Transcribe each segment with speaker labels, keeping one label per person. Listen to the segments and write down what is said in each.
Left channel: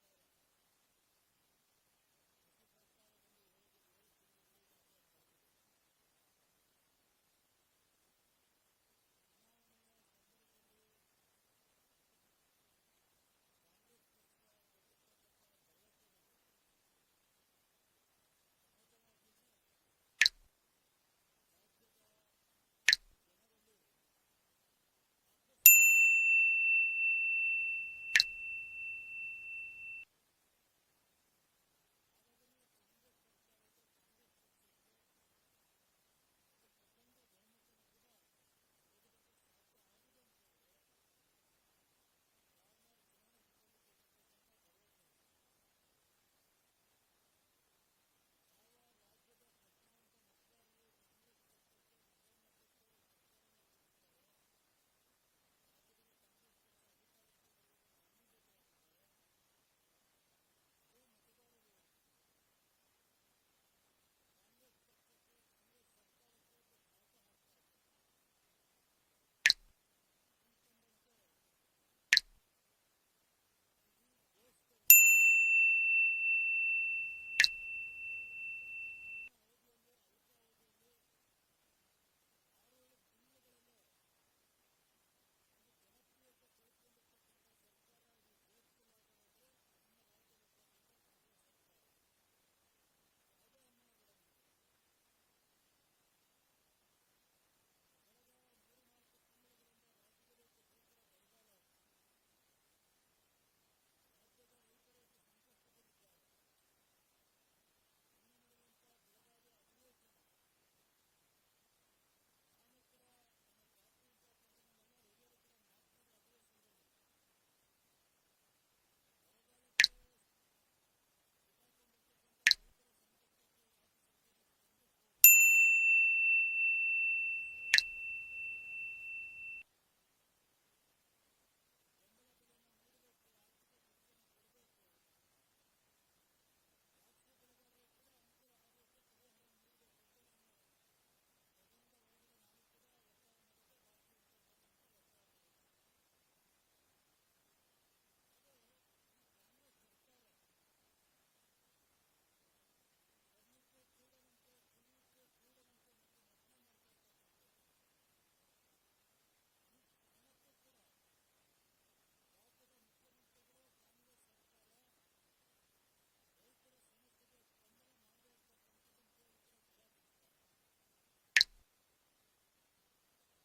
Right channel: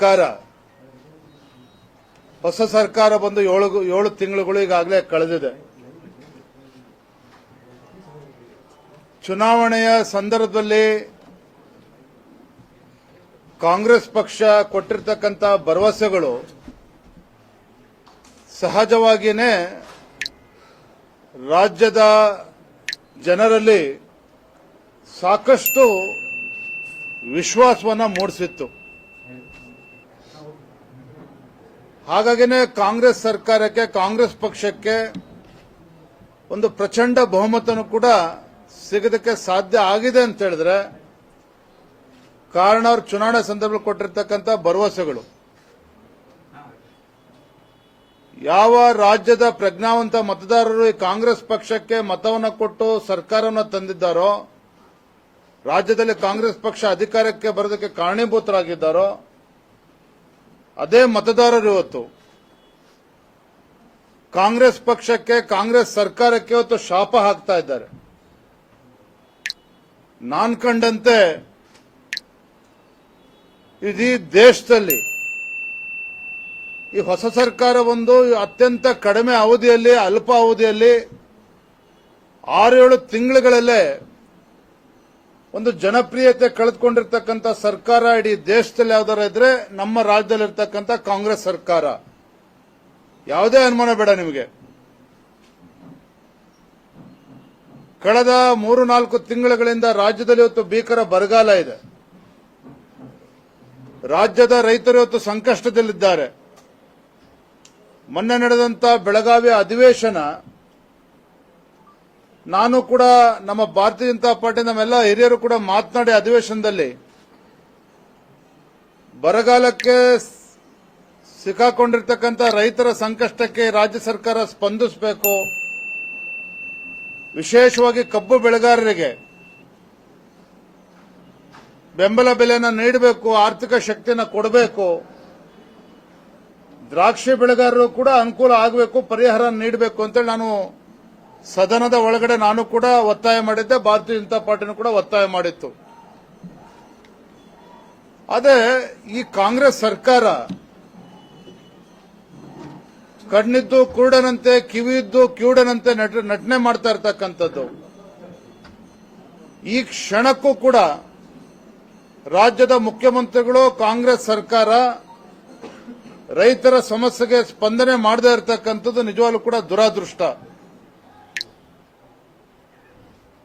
Speaker 1: ಸರ್ಕಾರ, ಹೊಸ ಸರ್ಕಾರ ಬಂದು ಏಳು ಏಳು ತಿಂಗಳುಗಳು ಈಗಾಗಲೇ ಕಳೆದಿದೆ. ಚುನಾವಣೆಯ ಸಂದರ್ಭದಲ್ಲಿ ಕಾಂಗ್ರೆಸ್ ಪಕ್ಷ ಕೊಟ್ಟಿರ್ತಕ್ಕಂಥ ಭರವಸೆಗಳು ಸಹಜವಾಗಿಯೇ ರಾಜ್ಯದ ಜನರಲ್ಲಿ ಸಾಕಷ್ಟು ವಿಶ್ವಾಸವನ್ನು ಮೂಡಿಸಿತ್ತು. ಹಾಗಾಗಿನೇ ಕಾಂಗ್ರೆಸ್ ಸರ್ಕಾರಕ್ಕೆ, ಕಾಂಗ್ರೆಸ್ ಪಕ್ಷಕ್ಕೆ ಒಂದು ಪ್ರಚಂಡ ಬಹುಮತನೂ ಕೂಡ ಸಿಗೋದಕ್ಕೆ ಸಾಧ್ಯ ಆಗಿದೆ ಅಂತ ಹೇಳಿದ್ರೆ, ಕಾರಣ ಅವರು ಚುನಾವಣೆ ಸಂದರ್ಭದಲ್ಲಿ ಕೊಟ್ಟಿರ್ತಕ್ಕಂಥ ಭರವಸೆಗಳು. ಯಾವ ರಾಜ್ಯದ ಪ್ರಜ್ಞಾವಂತ ಮತದಾರರು ಈ ಕಾಂಗ್ರೆಸ್ ಪಕ್ಷಕ್ಕೆ ಮತವನ್ನು ಕೊಟ್ಟು ಸರ್ಕಾರವನ್ನು ತಂದಿದ್ದಾರೋ, ರಾಜ್ಯದಲ್ಲಿ ಕಾಂಗ್ರೆಸ್ ಪಕ್ಷ ಅಧಿಕಾರಕ್ಕೆ ಬರೋದಕ್ಕೆ ಕಾರಣೀಭೂತರಾಗಿದ್ದಾರೋ ಅದೇ ಮತದಾರರು ಇವತ್ತು. ಕಾಂಗ್ರೆಸ್ ಪಕ್ಷಕ್ಕೆ, ಕಾಂಗ್ರೆಸ್ ಸರ್ಕಾರಕ್ಕೆ ಇವತ್ತು ಶಾಪ ಹಾಕ್ತಾ ಇದ್ದಾರೆ. ನಾನ್ ಕಂಡಂತೆ ಇಡೀ ದೇಶದಲ್ಲಿ ಈ ಹೊಸ ಸರ್ಕಾರ ಒಂದು ಅತ್ಯಂತ ಕಡಿಮೆ ಅವಧಿಯಲ್ಲಿ, ಅಲ್ಪ ಅವಧಿಯಲ್ಲಿ ಆರೇಳು ತಿಂಗಳುಗಳಲ್ಲೇ ಒಂದು ಜನಪ್ರಿಯತೆ ಕಳೆದುಕೊಂಡಿರ್ತಕ್ಕಂಥ ಸರ್ಕಾರ ಇಡೀ ದೇಶದಲ್ಲಿ ಯಾವ್ದಾರ ಇದ್ರೆ ನಮ್ಮ ರಾಜ್ಯದಲ್ಲಿರ್ತಕ್ಕಂಥ ಕಾಂಗ್ರೆಸ್ ಸರ್ಕಾರ. ಯಾವುದೇ ಅನುಮಾನ ಬೇಡ ನಿಮಗೆ. ಕಳೆದ ಮೂರು ನಾಲ್ಕು ತಿಂಗಳುಗಳಿಂದ ರಾಜ್ಯದಲ್ಲಿ ಇವತ್ತು ಭೀಕರ ಬರಗಾಲ ಇದೆ. ರಾಜ್ಯದ ರೈತರು ಇವತ್ತು ಸಂಕಷ್ಟದಲ್ಲಿದ್ದಾರೆ. ಮೊನ್ನೆ ನಡೆದಂತ ಬೆಳಗಾವಿ ಅಧಿವೇಶನ ನಾನು ಕೂಡ ನಮ್ಮ ಭಾರತೀಯ ಜನತಾ ಪಾರ್ಟಿ, ನಮ್ಮೆಲ್ಲ ಹಿರಿಯರು ಕೂಡ ಮಾತನಾಡಿ ಅಧಿವೇಶನದಲ್ಲಿ ಬರಗಾಲಕ್ಕೆ ಸಿಕ್ಕಾಕೊಂಡಿರ್ತಕ್ಕಂಥ ರೈತರ ಸಂಕಷ್ಟಕ್ಕೆ ರಾಜ್ಯ ಸರ್ಕಾರ ಸ್ಪಂದಿಸಬೇಕು. ವಿಶೇಷವಾಗಿ ಕಬ್ಬು ಬೆಳೆಗಾರರಿಗೆ ಬೆಂಬಲ ಬೆಲೆಯನ್ನು ನೀಡಬೇಕು, ಆರ್ಥಿಕ ಶಕ್ತಿಯನ್ನು ಕೊಡಬೇಕು. ದ್ರಾಕ್ಷಿ ಬೆಳೆಗಾರರು ಕೂಡ ಅನುಕೂಲ ಆಗಬೇಕು ಪರಿಹಾರ ನೀಡಬೇಕು ಅಂತೇಳಿ ನಾನು ಸದನದ ಒಳಗಡೆ ನಾನು ಕೂಡ ಒತ್ತಾಯ ಮಾಡಿದ್ದೆ, ಭಾರತೀಯ ಜನತಾ ಪಾರ್ಟಿನೂ ಕೂಡ ಒತ್ತಾಯ ಮಾಡಿತ್ತು. ಅದೇ ಈ ಕಾಂಗ್ರೆಸ್ ಸರ್ಕಾರ ಕಣ್ಣಿದ್ದು, ಕುರುಡನಂತೆ, ಕಿವಿಯಿದ್ದು, ಕಿವುಡನಂತೆ ನಟ- ನಟನೆ ಮಾಡ್ತಾ ಇರ್ತಕ್ಕಂಥದ್ದು. ಈ ಕ್ಷಣಕ್ಕೂ ಕೂಡ ರಾಜ್ಯದ ಮುಖ್ಯಮಂತ್ರಿಗಳು, ಕಾಂಗ್ರೆಸ್ ಸರ್ಕಾರ ರೈತರ ಸಮಸ್ಯೆಗೆ ಸ್ಪಂದನೆ ಮಾಡದೇ ಇರತಕ್ಕಂಥದ್ದು ನಿಜವಾಗ್ಲೂ ಕೂಡ ದುರಾದೃಷ್ಟ.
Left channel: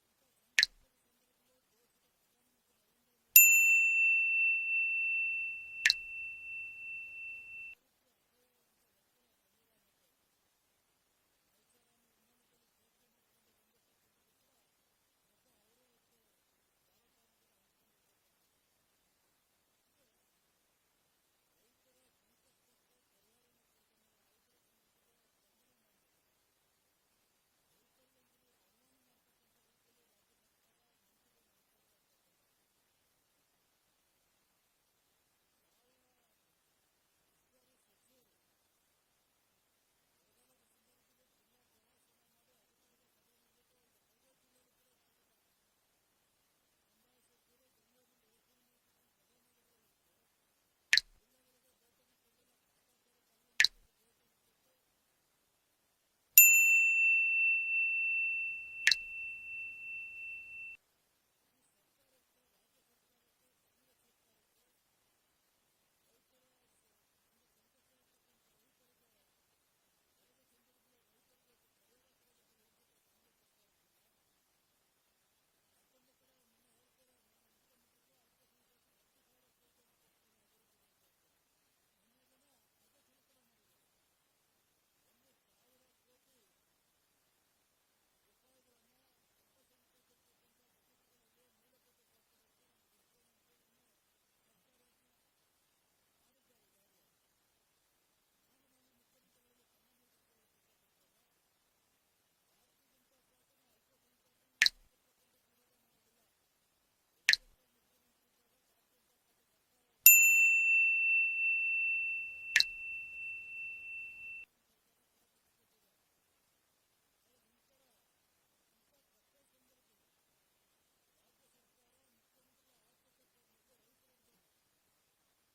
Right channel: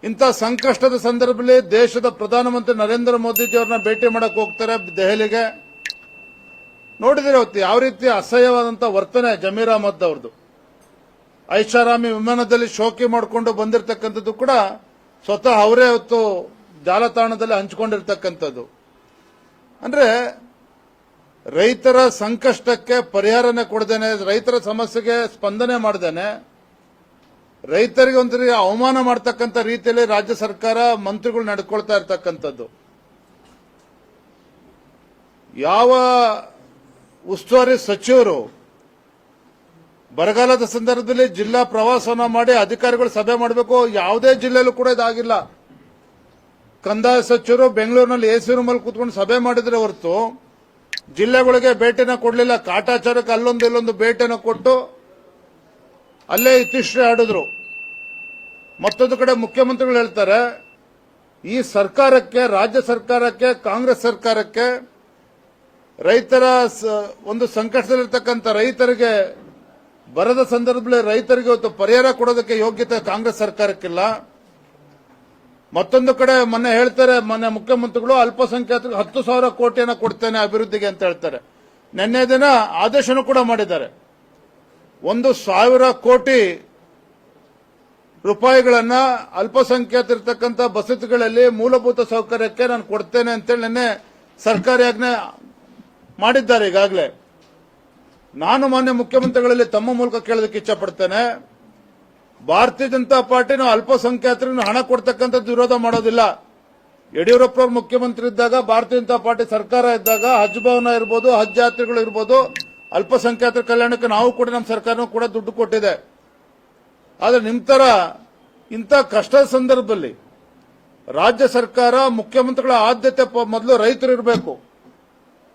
Speaker 1: ಇಂಥ ಸಂಕಷ್ಟದ ಸಂದರ್ಭದಲ್ಲಿ ದೇಶದ ಪ್ರಧಾನಮಂತ್ರಿ ನರೇಂದ್ರ ಮೋದಿಜಿಯವ್ರನ್ನ ಭೇಟಿ ಮಾಡಕ್ ಹೋಗ್ತಾರೆ ದೆಹಲಿಗೆ. ನೋಡಿದ್ರೆ ಅವತ್ತು ಯಾವ ರೀತಿ ಅಸಹ್ಯವಾದಂತ ವರ್ತನೆ ಜಮೀರ್ ಅಹಮದ್ ಅವ್ರದ್ದು ಐಷಾರಾಮಿ ವಿಮಾನದಲ್ಲಿ ಶೋಕಿ ಮಾಡಿಕೊಂಡು ಬಂದಿರತಕ್ಕಂಥದ್ದು ಕೂಡ ಸ್ವತಃ ಅವರೇ ಅವತ್ತು ಜಾಲತಾಣದಲ್ಲಿ ಹಂಚಿಕೊಂಡಿರ್ತಕ್ಕಂಥದ್ದು. ಅಂದ್ರೆ ರೈತರ ಸಂಕಷ್ಟಕ್ಕೆ ಪರಿಹಾರನೇ ಕೊಡ್ದೇನೆ, ರೈತರ ಸಮಸ್ಯೆಗೆ ಸ್ಪಂದನೆ ಮಾಡದೇನೆ ರೈತರಿಗೆ ಒಂದು ಅವಮಾನ ಮಾಡ್ತಕ್ಕಂಥ ರೀತಿಯಲ್ಲಿ ರಾಜ್ಯ ಸರ್ಕಾರ ಮಂತ್ರಿಗಳು ನಡ್ಕೊಳ್ತಾ ಇರ್ತಕ್ಕಂಥದ್ದು. ಯಾವ ಉಸ್ತುವಾರಿ ಸಚಿವರು ಬರಗಾಲದ ಸಂದರ್ಭದಲ್ಲಿ ಜಿಲ್ಲಾ ಪ್ರವಾಸವನ್ನ ಮಾಡಿ ಅಧಿಕಾರಿಗಳು ಸಭೆ ಮಾಡಬೇಕು, ಯಾವುದೇ ಜಿಲ್ಲೆಯಲ್ಲೂ ಕೂಡ ಇದಾಗಿಲ್ಲ. ಕಂದಾಯ ಸಚಿವರು ಬೆಂಗಳೂರಿನಲ್ಲಿ ಎ ಸಿ ರೂಮಲ್ಲಿ ಕೂತ್ಕೊಂಡು ಸಭೆ ಮಾಡಿದ್ರೆ ಹೊರತು ಜಿಲ್ಲೆಗಳಿಗೆ ಭೇಟಿನ ಕೊಡಲಿಲ್ಲ. ಕಾಟಾಚಾರಕ್ಕೆ ಅಲ್ಲೊಂದು ಇಲ್ಲೊಂದು ಭೇಟಿನ ಕೊಟ್ಟು ಅಲ್ಲೇ ಇತಿಶ್ರೀ ಆಡಿದ್ರು. ಮತ್ತೊಂದು ಕಡೆ ಮುಖ್ಯಮಂತ್ರಿಗಳು ಹೇಳ್ತಾರೆ, ಈ ಸರ್ಕಾರಕ್ಕೆ, ರಾಜ್ಯ ಸರ್ಕಾರಕ್ಕೆ, ಕಾಂಗ್ರೆಸ್ ಸರ್ಕಾರಕ್ಕೆ ರೈತರ ಒಂದು ಸಂಕಷ್ಟದಲ್ಲಿರ್ತಕ್ಕಂಥ ರೈತರಿಗೆ ಬರದ ಸಂದರ್ಭದಲ್ಲಿ ರೈತರಿಗೆ ಇವತ್ತು ಪರಿಹಾರ ಕೊಡೋದಕ್ಕೆ ಯೋಗ್ಯತೆ ಕಾಂಗ್ರೆಸ್ ಸರ್ಕಾರಕ್ಕಿಲ್ಲ. ಮತ್ತೊಂದು ಕಡೆ ಮೊನ್ನೆ ಹೇಳ್ತಾರೆ, ಮೊನ್ನೆ ಮುಖ್ಯಮಂತ್ರಿಗಳು ಅಲ್ಪಸಂಖ್ಯಾತರಿಗೆ ಹತ್ತು ಸಾವಿರ ಕೋಟಿಯನ್ನು ಕೊಡ್ತೇನೆ ಅಭಿವೃದ್ಧಿಗೆ ಅಂತ ಹೇಳ್ತಾರೆ. ನಿನ್ನೆ ದಿನ ಆದೇಶನೂ ಕೂಡ ಮಾಡಿದ್ದಾರೆ. ಒಂದು ಸಾವಿರ ಕೋಟಿ ರೂಪಾಯಿಗಳನ್ನ ಅಲ್ಪಸಂಖ್ಯಾತರಿರ್ತಕ್ಕಂಥ ಬಸತಿಗಳಲ್ಲಿ ಮೂಲಭೂತ ಸೌಕರ್ಯಕ್ಕೆ ನಾನು ಕೊಡ್ತೇನೆ ಅಂತೇಳಿ ನಿನ್ನೆ ಸರ್ಕಾರಿ ಆಜ್ಞೆ ಮಾಡಿದ್ದಾರೆ ಈಗಾಗಲೇ. ನಾನು ಮಾನ್ಯ ಮುಖ್ಯಮಂತ್ರಿಗಳಲ್ಲಿ ತಮ್ಮ ಮೂಲಕ ಕೇಳೋದಕ್ಕೆ ಇಚ್ಛಪಡ್ತೇನೆ. ಭಾರತೀಯ ಜನತಾ ಪಾರ್ಟಿ ನಾವು ಅಲ್ಪಸಂಖ್ಯಾತರಿಗೆ ಹಣ ಕೊಡ್ತಕ್ಕಂಥದ್ದು ವಿರೋಧ ಮಾಡೋದಿಲ್ಲ. ಯಡಿಯೂರಪ್ಪ ಅವರು ಮುಖ್ಯಮಂತ್ರಿ ಇದ್ದಾಗ, ಭಾರತೀಯ ಜನತಾ ಪಾರ್ಟಿ ಸರ್ಕಾರ ಇದ್ದಾಗ, ಹಜ್ ಭವನ ಇರ್ಬೋದು, ಹಜ್ ಯಾತ್ರೆಗಳು ಇರ್ಬೋದು ಅಲ್ಪಸಂಖ್ಯಾತರ ಕಲ್ಯಾಣಕ್ಕೆ ನಾವು ಕೂಡ ನಮ್ಮ ಸರ್ಕಾರನೂ ಕೂಡ ದುಡ್ಡು ಕೊಟ್ಟಿದೆ. ಆದರೆ ನಿಮ್ಮ ಥರ ಇಂಥ ಕಷ್ಟದ ಸಂದರ್ಭದಲ್ಲಿ ರಾಜ್ಯ ಸರ್ಕಾರ, ಮುಖ್ಯಮಂತ್ರಿಗಳ ಆದ್ಯತೆ ಮೊದಲು ರೈತರು ಇರಬೇಕು.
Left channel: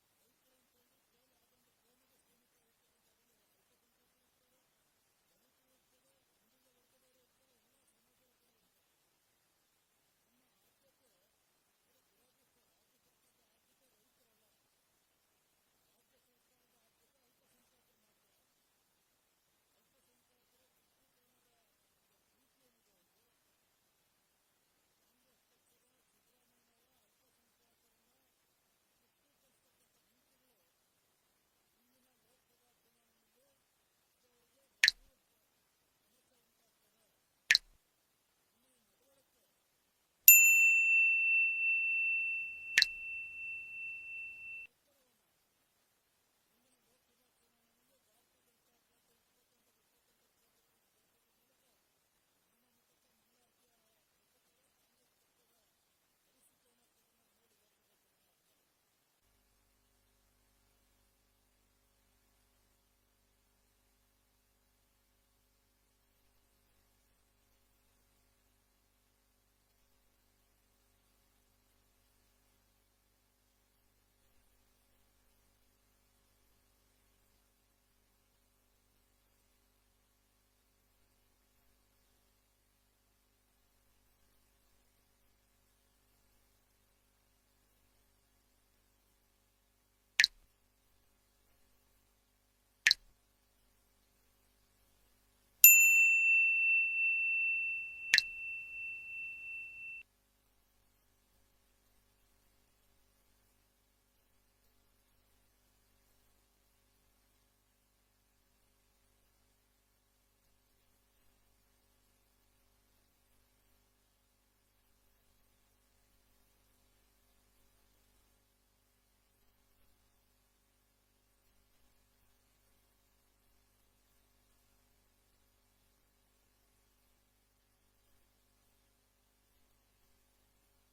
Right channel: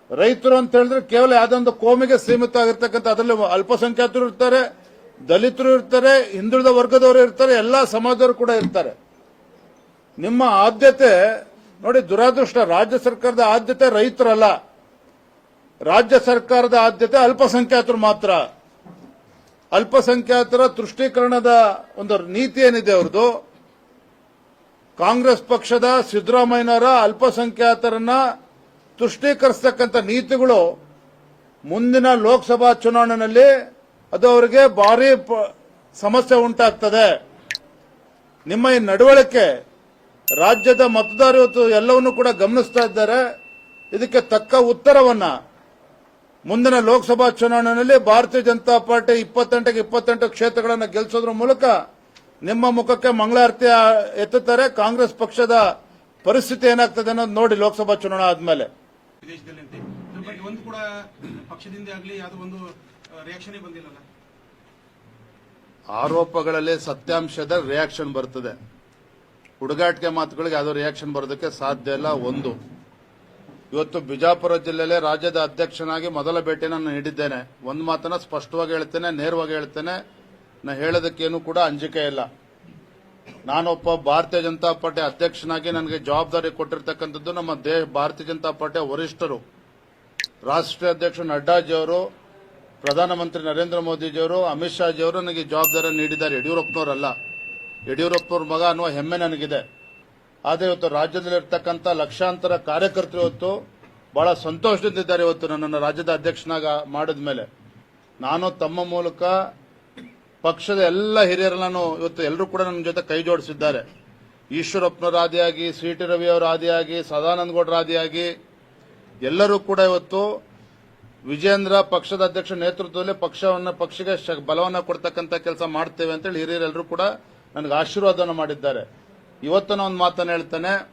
Speaker 1: ರೈತರು ಅಂತ ಹೇಳಿದ್ರೆ ಕೇವಲ ಯಾವ್ದೊಂದು ಕೋಮಿಗೆ ಸೀಮಿತ ಆಗಿರ್ತಕ್ಕಂಥ ಅದರಲ್ಲಿ ಅಲ್ಪಸಂಖ್ಯಾತರು ಇರ್ತಾರೆ, ದಲಿತರು ಇರ್ತಾರೆ, ಹಿಂದುಳಿದ ವರ್ಗದವರು ಇರ್ತಾರೆ, ಎಲ್ಲ ಸಮಾಜದವರು ಕೂಡ ಇರ್ತಾರೆ. ನಿಮ್ಮ ಆದ್ಯತೆ ನೋಡಿ ದುರಾದೃಷ್ಟ, ರಾಜ್ಯ ಸರ್ಕಾರದ ಆದ್ಯತೆ ರೈತರಲ್ಲ. ರಾಜ್ಯ ಸರ್ಕಾರದ ಆದ್ಯತೆ ಅಲ್ಪಸಂಖ್ಯಾತರು ಮಾತ್ರ. ಅಲ್ಪಸಂಖ್ಯಾತರ ತುಷ್ಟೀಕರಣದ ಒಂದು ನೀತಿ ಏನಿದೆ ಅವ್ರದ್ದು? ಕಾಂಗ್ರೆಸ್ ಪಕ್ಷದ ಸಿದ್ದರಾಮಯ್ಯನವರ ಅಲ್ಪಸಂಖ್ಯಾತರನ್ನ ತುಷ್ಟೀಕರಿಸತಕ್ಕಂಥ ನೀತಿಗಳು ಮುಂದಿನ ಲೋಕಸಭಾ ಚುನಾವಣೆಯಲ್ಲಿ ಅದು ಅವರಿಗೆ ಭಾರಿ ಸಮಸ್ಯೆ ಉಂಟಾಗ್ತದೆ. ನಿಮ್ಮ ಈ ನಡವಳಿಕೆ ರಾಜ್ಯದ ಮತದಾರರು ಎಲ್ಲವನ್ನೂ ಕೂಡ ಗಮನಿಸ್ತಾ ಇದ್ದಾರೆ. ಇದಕ್ಕೆ ತಕ್ಕ ಉತ್ತರವನ್ನ ಮುಂದಿನ ಲೋಕಸಭಾ ಚುನಾವಣೆಯಲ್ಲಿ ಭಾರತೀಯ ಜನತಾ ಪಾರ್ಟಿ ಇಪ್ಪತ್ತೆಂಟಕ್ಕೆ ಇಪ್ಪತ್ತೆಂಟು ಕ್ಷೇತ್ರಗಳನ್ನು ಗೆಲ್ಲಿಸೋದ್ರ ಮೂಲಕ ನಿಮ್ಮ ಮುಖಕ್ಕೆ ಮಂಗಳಾರತಿ ಎತ್ತುತ್ತಾರೆ. ಕಾಂಗ್ರೆಸ್ ಪಕ್ಷದ ಪರಿಸ್ಥಿತಿ ಏನಾಗ್ತದೆ ಅನ್ನೋದು ನೋಡಿ ಲೋಕಸಭಾ ಚುನಾವಣೆ ಆದ್ಮೇಲೆ. ಆರೋಪಗಳಲ್ಲಿ ಸತ್ಯಾಂಶದ ರಿಯಾಕ್ಷನ್ ಬರ್ತದೆ. ಹುಡುಗಾಟಿಕೆ ಮಾತುಗಳಿಗೆ ಯಾವುದೋ ರಿಯಾಕ್ಷನ್ ಬರೋದಕ್ಕೆ ಸಾಧ್ಯ ಇಲ್ಲ ಒಂದು. ಇವತ್ತು ಬಿಜಾಪುರ ಜಿಲ್ಲೆಯಲ್ಲಿ ರಾಜ್ಯದ ಅಧ್ಯಕ್ಷನಾಗಿ ಮೊದಲ ಭೇಟಿ ನಾನು ನೀಡಿದ್ದೇನೆ. ಒಂದು ಮಾತನ್ನ ಸ್ಪಷ್ಟವಾಗಿ ಹೇಳ್ತೇನೆ, ನೇರವಾಗಿ ಹೇಳ್ತೇನೆ. ನಾ ಹೇಳೋದಕ್ಕೇನು ಕೂಡ ಅಂಜಿಕೆ ಇಲ್ಲ. ನಾನೊಬ್ಬ ಭಾರತೀಯ ಜನತಾ ಪಾರ್ಟಿ ಅಧ್ಯಕ್ಷನಾಗಿ ನನಗೆ ಜವಾಬ್ದಾರಿ ಕೊಟ್ಟಿರ್ತಕ್ಕಂಥದ್ದು ನಮ್ಮ ದೇಶ ಭಾರತೀಯ ಜನತಾ ಪಾರ್ಟಿಯ ವರಿಷ್ಠರು. ರಾಷ್ಟ್ರೀಯ ಅಧ್ಯಕ್ಷ ನಡ್ಡಾಜಿಯವರು ಪ್ರಧಾನಮಂತ್ರಿ ನರೇಂದ್ರ ಮೋದಿಜಿಯವರು, ಅಮಿತ್ ಶಾಜಿಯವರು ನನಗೆ ಜವಾಬ್ದಾರಿ ನೀಡಿದ್ದಾರೆ. ಯಡಿಯೂರಪ್ಪನವರಲ್ಲ. ಯಡಿಯೂರಪ್ಪನವ್ರ ಮಗ ಅನ್ನುವ ಹೆಮ್ಮೆ ನನಗಿದೆ. ಆದರೆ ಇವತ್ತು ರಾಜ್ಯದಲ್ಲಿರ್ತಕ್ಕಂಥ ಲಕ್ಷಾಂತರ ಕಾರ್ಯಕರ್ತರು ಇವತ್ತು ಬಹಳ ಸಂತೋಷದಿಂದಿದ್ದಾರೆ ಇವತ್ತು ನನ್ನನ್ನು ರಾಜ್ಯದ ಅಧ್ಯಕ್ಷನಾಗ ಮಾಡಿದ ಮೇಲೆ ನಾನು ತಮ್ಮ ಮೂಲಕ ಪಕ್ಷದ ಎಲ್ಲ ಹಿರಿಯರನ್ನು ಇವತ್ತು ಎಲ್ಲರೂ ಕೂಡ ನನ್ನ ಜೊತೆ ಕೈ ಜೋಡಿಸಿದ್ದಾರೆ. ಈಶ್ವರಪ್ಪನವರ ಆದಿಯಾಗಿ ಸಿ ಟಿ ರವಿ ಅವರು ಆದಿಯಾಗಿ ಸದಾನಂದ ಗೌಡರ ಆದಿಯಾಗಿ ಎಲ್ಲರೂ ಕೂಡ ಇವತ್ತು ವಿಜೇಂದ್ರ ಪಕ್ಷದ ಅಧ್ಯಕ್ಷ ನೇತೃತ್ವದಲ್ಲಿ ಪಕ್ಷವನ್ನು ಪಕ್ಷಕ್ಕೆ ಬಲವನ್ನ ಕೊಡ್ತಕ್ಕಂಥ ಕೆಲಸ ಮಾಡ್ತೇವೆ ಅಂತೇಳಿ ಹಿರಿಯರೆಲ್ಲರೂ ಕೂಡ ನನಗೆ ಆಶೀರ್ವಾದವನ್ನು ಮಾಡಿದ್ದಾರೆ. ಇವತ್ತು ಒಂದು ಮಾತನ್ನು ಹೇಳ್ತೇನೆ.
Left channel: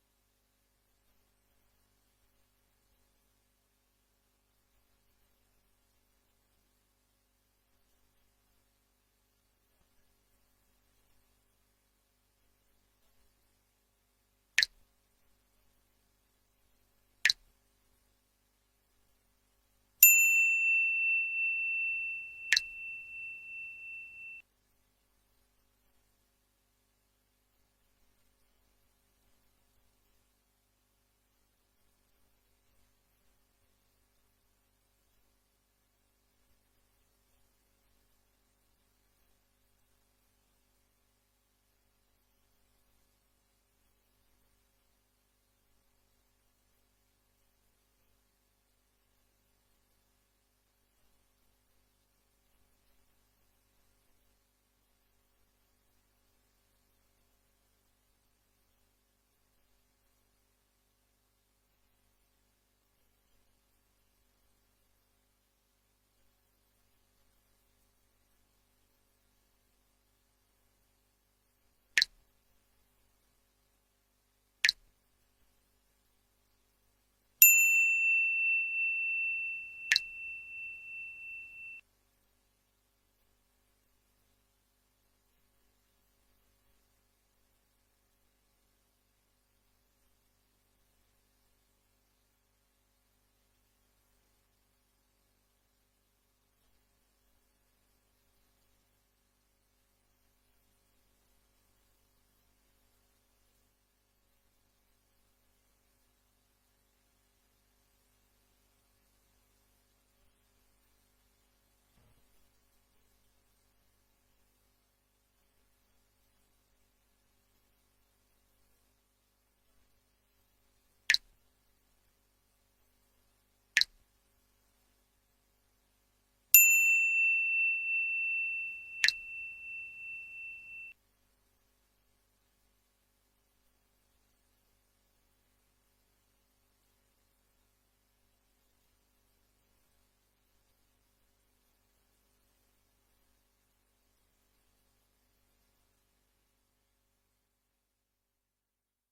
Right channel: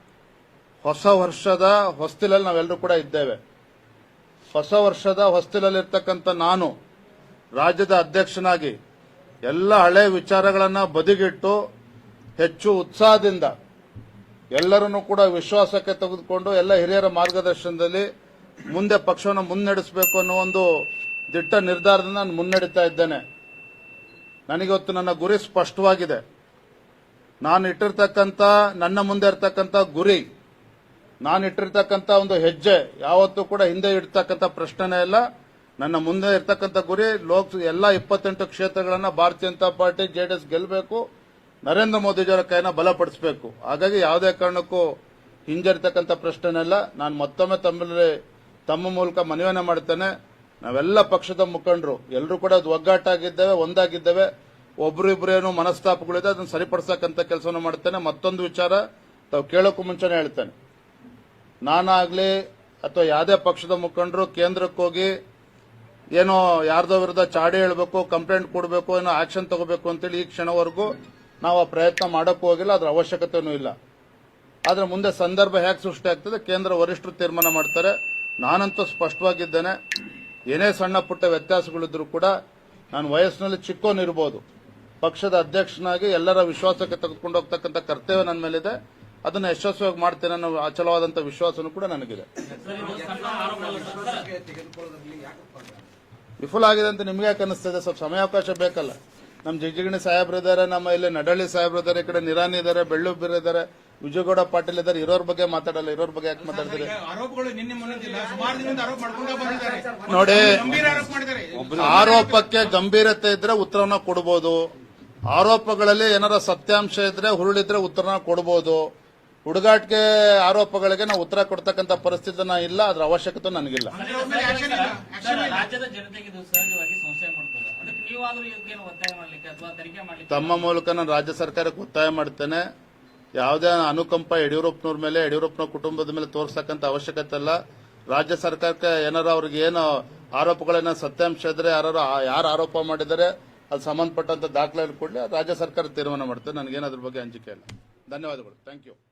Speaker 1: ಹೊಸ ವರ್ಷದ ಹೊಸ್ತಿಲಲ್ಲಿ ನಾವೆಲ್ಲರೂ ಕೂಡ ಇದ್ದೇವೆ. ಹೊಸ ವರ್ಷದ ಹೊಸ್ತಿಲಲ್ಲಿರ್ತಕ್ಕಂಥ ನಾನು, ರಾಜ್ಯದ ಅಧ್ಯಕ್ಷನಾಗಿ ಎಲ್ಲ ಹಳೆ ವಿಚಾರಗಳನ್ನು ಬದಿಗಿಟ್ಟು ಹೆಚ್ಚು ಉತ್ಸಾಹದಿಂದ ಎಲ್ಲರನ್ನೂ ಕೂಡ ವಿಶ್ವಾಸಕ್ಕೆ ತೆಗೆದುಕೊಂಡು ಎಲ್ಲ ಹಿರಿಯರ ಮಾರ್ಗದರ್ಶನದಲ್ಲಿ ಮುಂದೆ ಪಕ್ಷವನ್ನು ಮುನ್ನಡೆಸಬೇಕು ಅನ್ನೋ ಒಂದು ದಿಟ್ಟ ನಿರ್ಧಾರದಿಂದ ನಾನು ಮುನ್ನಡೀತಾ ಇದ್ದೇನೆ. ನನಗಿವತ್ತು ನನ್ನ ಗುರಿ ಸ್ಪಷ್ಟವಾಗಿದೆ. ನಾನು ಇಟ್ಟಿರ್ತಕ್ಕಂಥ, ನನ್ನ ಮುಂದೆ ಇರ್ತಕ್ಕಂಥ ಗುರಿ, ನಾನು ಇಟ್ಟಿರ್ತಕ್ಕಂಥ ಒಂದು ಹೆಜ್ಜೆ, ಯಾವತ್ತೂ ಕೂಡ ಹಿಂದೆ ಇಡ್ತಕ್ಕಂಥ ಪ್ರಶ್ನೆನೇ ಇಲ್ಲ. ನನ್ನ ಮುಂದೆ ಇರ್ತಕ್ಕಂಥ ಗುರಿ, ಲೋಕ್, ಎಲ್ಲ ಇಪ್ಪತ್ತೆಂಟು ಕ್ಷೇತ್ರಗಳನ್ನು ಭಾರತೀಯ ಜನತಾ ಪಾರ್ಟಿ ಜೆಡಿಎಸ್ ಗೆಲ್ಲಬೇಕು ನರೇಂದ್ರ ಮೋದಿಜಿಯವರ ಕೈನ ಬಲಪಡಿಸಬೇಕು. ಹಾಗಾಗಿ ಯಾವುದೇ ಕಾರಣಕ್ಕೂ ಹಿಂಜರಿತಕ್ಕಂಥ ಪ್ರಶ್ನೆನೇ ಇಲ್ಲ. ನಾನು ಮತ್ತೊಮ್ಮೆ ತಮ್ಮಲ್ಲಿ, ತಮ್ಮ ಮೂಲಕ ಮನವಿಯನ್ನು ಮಾಡ್ತೇನೆ. ನಾವೆಲ್ಲ ಪಕ್ಷದ ಮುಖಂಡರು ಎಲ್ಲರೂ ಕೂಡ ಒಗ್ಗಟ್ಟಾಗಿದ್ದೇವೆ ಒಂದಾಗಿದ್ದೇವೆ. ಒಬ್ರು ಇಬ್ರು ಏನು ಮನಸ್ತಾಪಗಳಿದೆ, ಅದನ್ನು ಸರಿಪಡಿಸಕ್ಕಂಥ ಕೆಲಸವನ್ನು ಮಾಡ್ತೇನೆ. ಮತ್ತೊಂದು ವಿಚಾರ, ತಾವು ಕೇಳೋಕ್ಕೂ ಮುಂಚೆನೇ ಹೇಳ್ತೇನೆ. ನಾನಾಗಲಿ ಅಥವಾ ಯಾವುದೇ ಪಕ್ಷದ ಮುಖಂಡರು ಕೇಂದ್ರಕ್ಕೆ ಹೋಗಿ ಏನೋ ಯಾರ್ದೋ ವಿರುದ್ಧ ಚಾಡಿ ಹೇಳಬೇಕು, ಕಂಪ್ಲೇಂಟ್ ಕೊಡಬೇಕು, ಏನೋ ಆಕ್ಷನ್ ತಗೋಬೇಕು ಅಂತೇಳಿ ಈ ಕ್ಷಣವರೆಗೂ ನಾವು ಆ ಪ್ರಯತ್ನ ಮಾಡೋಕ್ಕೂ ಹೋಗಿಲ್ಲ, ಅದರ ಅವಶ್ಯಕತೆಯೂ ಇಲ್ಲ. ಆದರೆ ಮುಂದೆ ಸಂದರ್ಭ ಹೇಗೆ ಸೃಷ್ಟಿ ಆಗ್ತದೆ, ಕೇಂದ್ರ ವರಿಷ್ಠರು ತೀರ್ಮಾನ ಮಾಡ್ತಾರೆ. ನಾನಂತೂ ಸ್ಪಷ್ಟವಾಗಿದ್ದೇನೆ, ಏನೇ ಸಣ್ಣ ಪುಟ್ಟ ವ್ಯತ್ಯಾಸಗಳಿದ್ರು ಕೂಡ, ನಾನು ವಯಸ್ಸಿನಲ್ಲಿ ಚಿಕ್ಕೋನಿರ್ಬೋದು. ಪಕ್ಷದ ಅಧ್ಯಕ್ಷನಾಗಿ ಎಲ್ಲರ ವಿಶ್ವಾಸಕ್ಕೆ ತೆಗೆದುಕೊಂಡು ಹೋಗ್ತಕ್ಕಂಥ ಕರ್ತವ್ಯ ನನ್ನ ಮೇಲಿದೆ. ಅದನ್ನ ಯಶಸ್ವಿಯಾಗಿ ಮಾಡ್ತೇನೆ ಅನ್ನೋ ಅಚಲವಾದಂಥ ವಿಶ್ವಾಸನೂ ಕೂಡ ನನಗಿದೆ. ವಿಫುಲ ಆಗಿದೆ ಅಂತ ನಿಮ್ಗೆ ಯಾಕೆ ಅನಿಸ್ತದೆ ಸ್ವಲ್ಪ ಸಮಯಾವಕಾಶ ಬೇಕಲ್ಲ. ನಮ್ಮ ಜಿಗಜಿಗಣಿ ಸಾಹೇಬ್ರು ಇದ್ದಾರೆ ನಮ್ಮ ಇಲ್ಲಿ ನಡಳ್ಳಿ ಸಾಹೇಬ್ರು ಇದ್ದಾರೆ ಈ ಕಡೆ ನಿರಾನಿ ಇದ್ದಾರೆ ಬೆಳ್ಳುಬೀರ ಇದ್ದಾರೆ ವಿಜಯಗೌಡ ಪಾಟೀಲ್ ಇದ್ದಾರೆ ಇರೋರ್ ಬಗ್ಗೆ ಮಾತಾಡಲ್ಲ ಇರೋರ್ ಬಗ್ಗೆ ಯಾಕೆ ಮಾತಾಡ್ತೀರಿ? ನೋಡಿ ಆರೋಪಕ್ಕೆ ಗಂಭೀರತೆ ಇದ್ರೆ ಉತ್ತರವನ್ನ ಕೊಡಬಹುದು ಆರೋಪಗಳಲ್ಲಿ ಏನಾರ ಸತ್ಯಾಂಶ ಇದ್ರೆ ಹುರುಳಿದ್ರೆ ಉತ್ತರನ ಕೊಡಬಹುದು ಹುಡುಗಾಟಿಕೆ ಆರೋಪಗಳಿಗೆ ನಾವು ಉತ್ತರ ಕೊಡ್ತಕ್ಕಂಥ ಪರಿಸ್ಥಿತಿ ಇಲ್ಲ ಅದ್ರ ಅವಶ್ಯಕತೆ ನನಗಿಲ್ಲ. ತಮ್ಮ ಮೂಲಕ ನಾನು ರಾಜ್ಯ ಸರ್ಕಾರಕ್ಕೆ ಒತ್ತಾಯ ಮಾಡ್ತೇನೆ. ಯಾವುದೇ ಅನುಕಂಪ ಯಡಿಯೂರಪ್ಪನವ್ರ ಮೇಲೆ ಯಡಿಯೂರಪ್ಪನ ಕುಟುಂಬದ ಮೇಲೆ ತೋರಿಸ್ತಕ್ಕಂಥ ಅವಶ್ಯಕತೆ ಇಲ್ಲ. ರಾಜ್ಯ ಸರ್ಕಾರಕ್ಕೆ ಏನಾರ ಅವ್ರಿಗೆ ಏನು ಆರೋಪಗಳನ್ನ ಸತ್ಯಾಂಶ ಇದ್ರೆ ಯಾರು ಯಾರು ಆರೋಪ ಮಾಡಿದರೆ ಅದು ಸಂಬಂಧಪಟ್ಟಂತ ದಾಖಲೆ ಕೊಡಲಿ ರಾಜ್ಯ ಸರ್ಕಾರ ತೀರ್ಮಾನ ಮಾಡ್ತದೆ. ನನಗೇನು ಅದ್ರ ಬಗ್ಗೆ ಅಂಜಿಕೆ ಇಲ್ಲ. ಧನ್ಯವಾದಗಳು. Thank you